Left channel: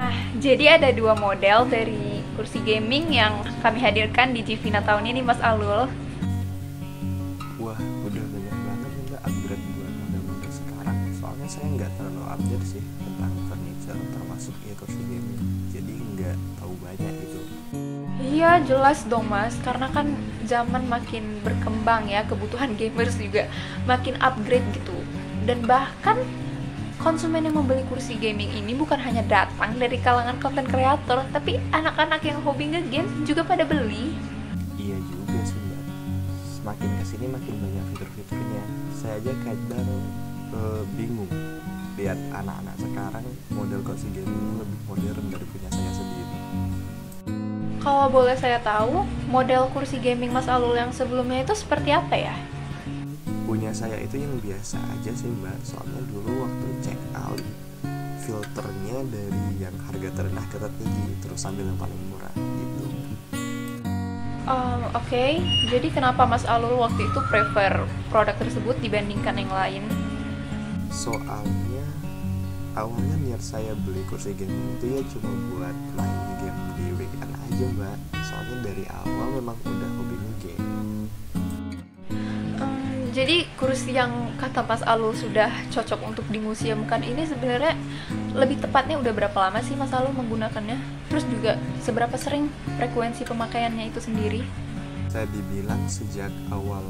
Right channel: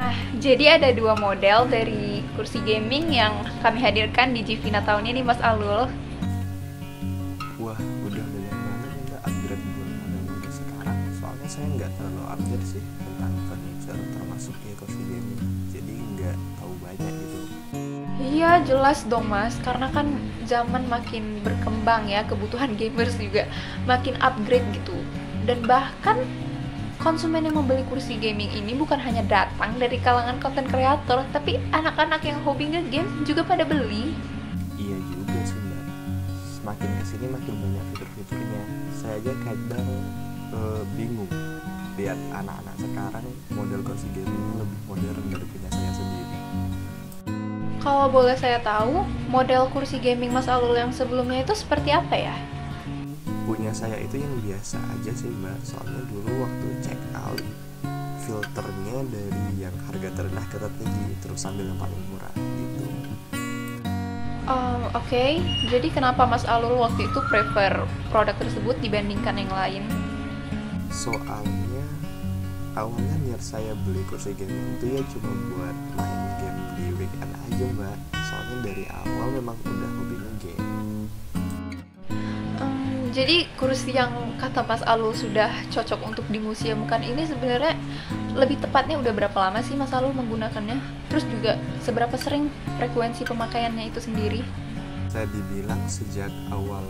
Nah, jadi ada dua model dari kursi gaming yang kami hadirkan di Jivina tahun ini, Mas Alul. Wah, udah banyak banget nih Mbak upgrade buat model-model sekarang. Soalnya saya nggak terlalu update sih tentang furniture, termasuk ya kursi gaming. Jadi nggak tahu banyak gitu. Iya, jelas dong, Mas. Karena kan zaman makin berkembang ya, kebutuhan gamers juga makin upgrade gitu. Dan bahkan konsumen yang membeli kursi gaming ini bukan hanya datang dari kalangan konten kreator, tapi anak-anak yang hobi nge-game juga pada beli. Iya juga sih Mbak. Semakin kesini makin banyak fitur-fiturnya. Saya aja kadang bingung lihat anak-anak sekarang model kursi gamingnya lebih modern dari punya saya sendiri. Kalau boleh saya tahu, model kursi gaming Mas Alul yang sebelumnya itu seperti apa ya? Punya saya itu yang biasa aja sih Mbak. Soalnya dulu waktu check out filternya dari yang harga terendah ke tertinggi, terus ambil yang paling murah gitu. Oke. Jadi kenapa Mas Alul waktu itu prefer produk tersebut dibandingkan yang lain? Soalnya awalnya niat saya beli kursi gaming itu ya cuma buat main game di weekend aja Mbak. Soalnya dari awal memang udah hobi game. Jadi kursi yang kata Mas Alul sudah cocok untuk dimuseumkan ini sebenarnya lebih tepatnya udah berapa lama sih Mas Alul menggunakannya? Terus juga seberapa sering frekuensi pemakaiannya itu sendiri? Saya dibilang sejak awal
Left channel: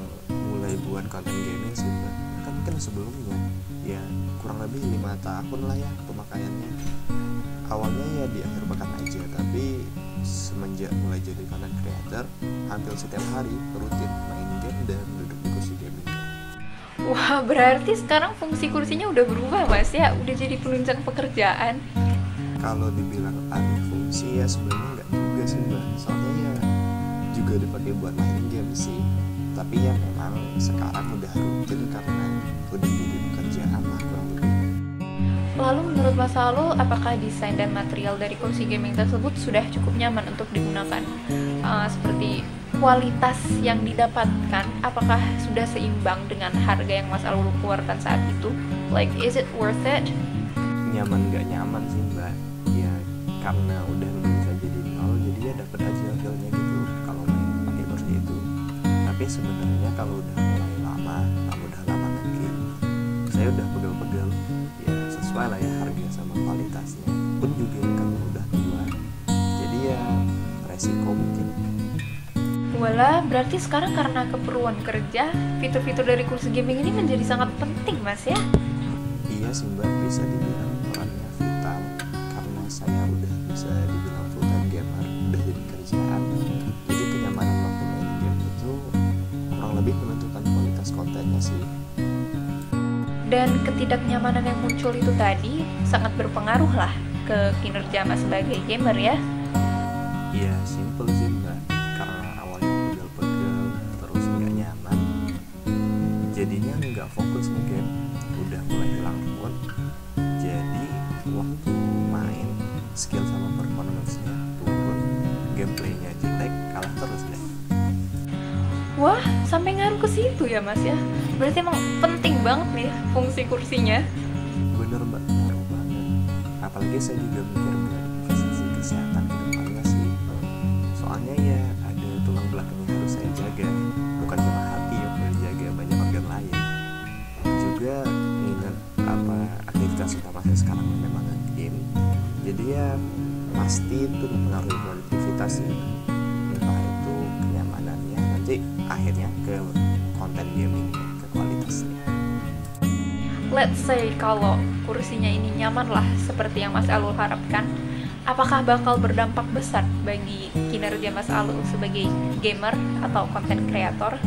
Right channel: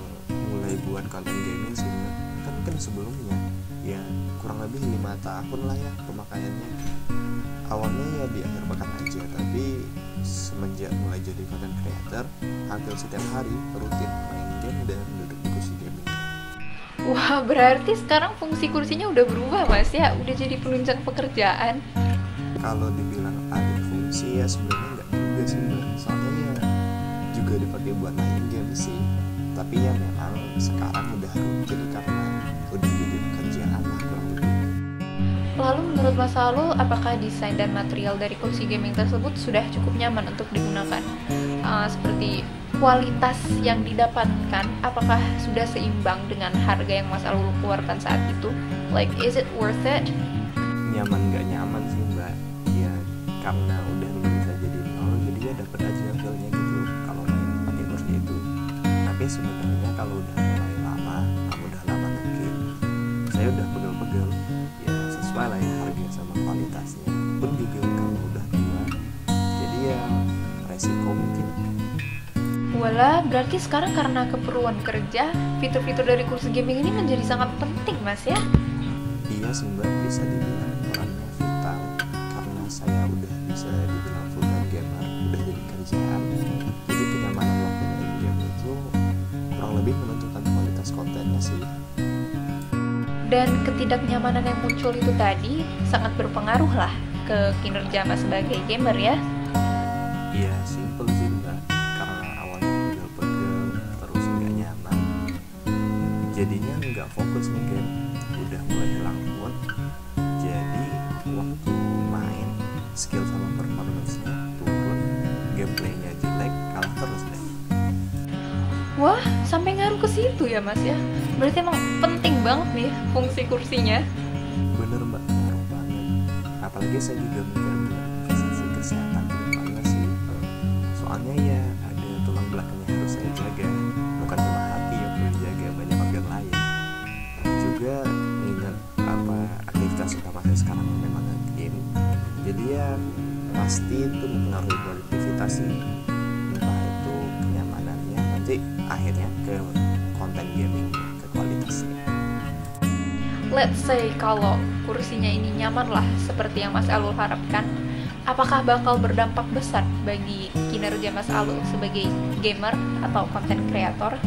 mulai buat konten gaming sih Mbak. Bahkan mungkin sebelumnya ya kurang lebih 5 tahun lah ya pemakaiannya. Awalnya ya di akhir pekan aja, tapi semenjak mulai jadi content creator hampir setiap hari rutin main game dan duduk di kursi gamingnya. Wah, berarti sekarang fungsi kursinya udah berubah Mas ya? Udah jadi penunjang pekerjaan. Kalau dibilang alih fungsi ya sebenarnya nggak juga sih Mbak. Soalnya ya juga dipakai buat main game sih. Tapi ya memang sekarang udah rutin karena udah jadi pekerjaan lah kurang lebih. Lalu menurut Mas Alul, apakah desain dan material dari kursi gaming tersebut sudah cukup nyaman untuk digunakan? Seperti kualitas yang didapatkan, apakah sudah seimbang dengan harga yang Mas Alul keluarkan saat itu? Like, is it worth it? Nyaman nggak nyaman sih Mbak. Ya karena udah nulis saja di nol, jadi ya dapat aja feelnya gitu kalau main pakai kursi itu. Tapi sebenarnya kalau udah mulai lama, kamu udah lama nge-game, saya udah pegel-pegel. Ya sesuai lah ya harga sama kualitasnya. Pun juga karena udah tua, jadi ya resiko mungkin. Walah, berarti sekarang karena keperluan kerja, fitur-fitur dari kursi gaming ini menjadi sangat penting, Mas ya? Iya sih Mbak, bisa dibilang perannya vital. Karena saya udah bisa dibilang full time gamer, udah jadi kerjaan. Jadi kenyamanan waktu main game itu kurang lebih menentukan kualitas kontennya sih. Dan ketidaknyamanan yang muncul itu tadi sangat berpengaruh lah ke kinerja Mas sebagai gamer ya. Iya, simple sih Mbak. Karena awalnya pegel-pegel, terus nggak nyaman, jadinya nggak fokus nih game. Udah mulai hilang mood. Jadi waktu main, skill sama performance-nya turun, gameplaynya jelek, kalah terus deh. Wah, sampai ngaruh ke situ ya Mas ya. Berarti emang penting banget nih fungsi kursinya. Bener Mbak, ngaruh banget. Apalagi saya juga mikir buat investasi kesehatan ke depannya sih. Soalnya ya ada tulang belakang yang harus saya jaga. Bukan cuma hati ya perlu dijaga, banyak organ lain. Juga ingat aktivitas utama saya sekarang memang game. Jadi ya pasti itu mempengaruhi produktivitas sih. Entah itu kenyamanannya, nanti akhirnya ke konten gamingnya, ke kualitasnya. Let's say kalau kursinya ini nyaman lah seperti yang Mas Alul harapkan, apakah bakal berdampak besar bagi kinerja Mas Alul sebagai gamer atau konten kreator?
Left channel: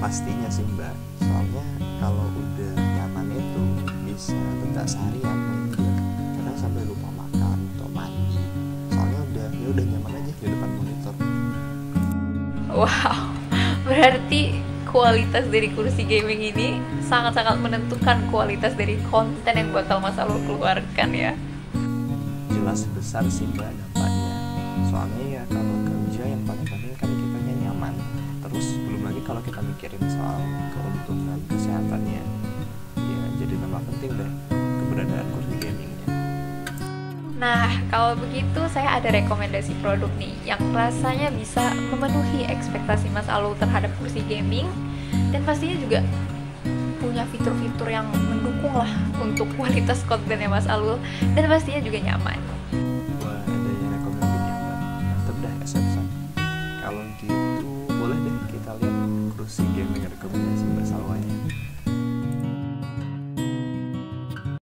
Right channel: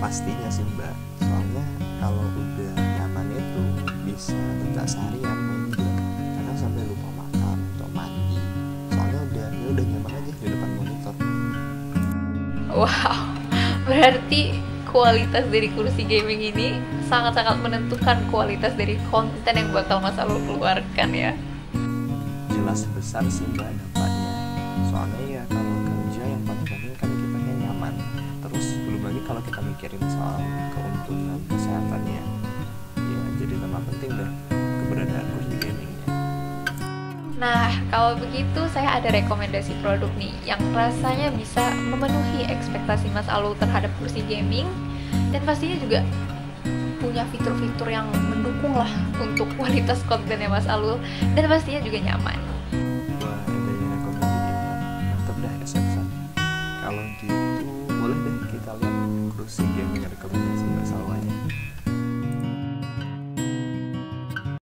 Pastinya sih Mbak. Soalnya kalau udah nyaman itu bisa betah seharian main game. Kadang sampai lupa makan atau mandi. Soalnya udah nyaman aja di depan monitor. Wow, berarti kualitas dari kursi gaming ini sangat-sangat menentukan kualitas dari konten yang bakal Mas Alul keluarkan ya. Jelas besar sih Mbak dampaknya. Soalnya ya kalau kerja yang paling penting kan kitanya nyaman. Terus belum lagi kalau kita mikirin soal keuntungan kesehatannya, ya jadi tambah penting deh keberadaan kursi gamingnya. Nah, kalau begitu saya ada rekomendasi produk nih yang rasanya bisa memenuhi ekspektasi Mas Alul terhadap kursi gaming dan pastinya juga punya fitur-fitur yang mendukung lah untuk kualitas kontennya Mas Alul dan pastinya juga nyaman. Wah, ada yang recommended ya mbak. Mantap dah SF-san. Kalau gitu boleh deh kita lihat kursi gaming rekomendasi mbak Salwanya.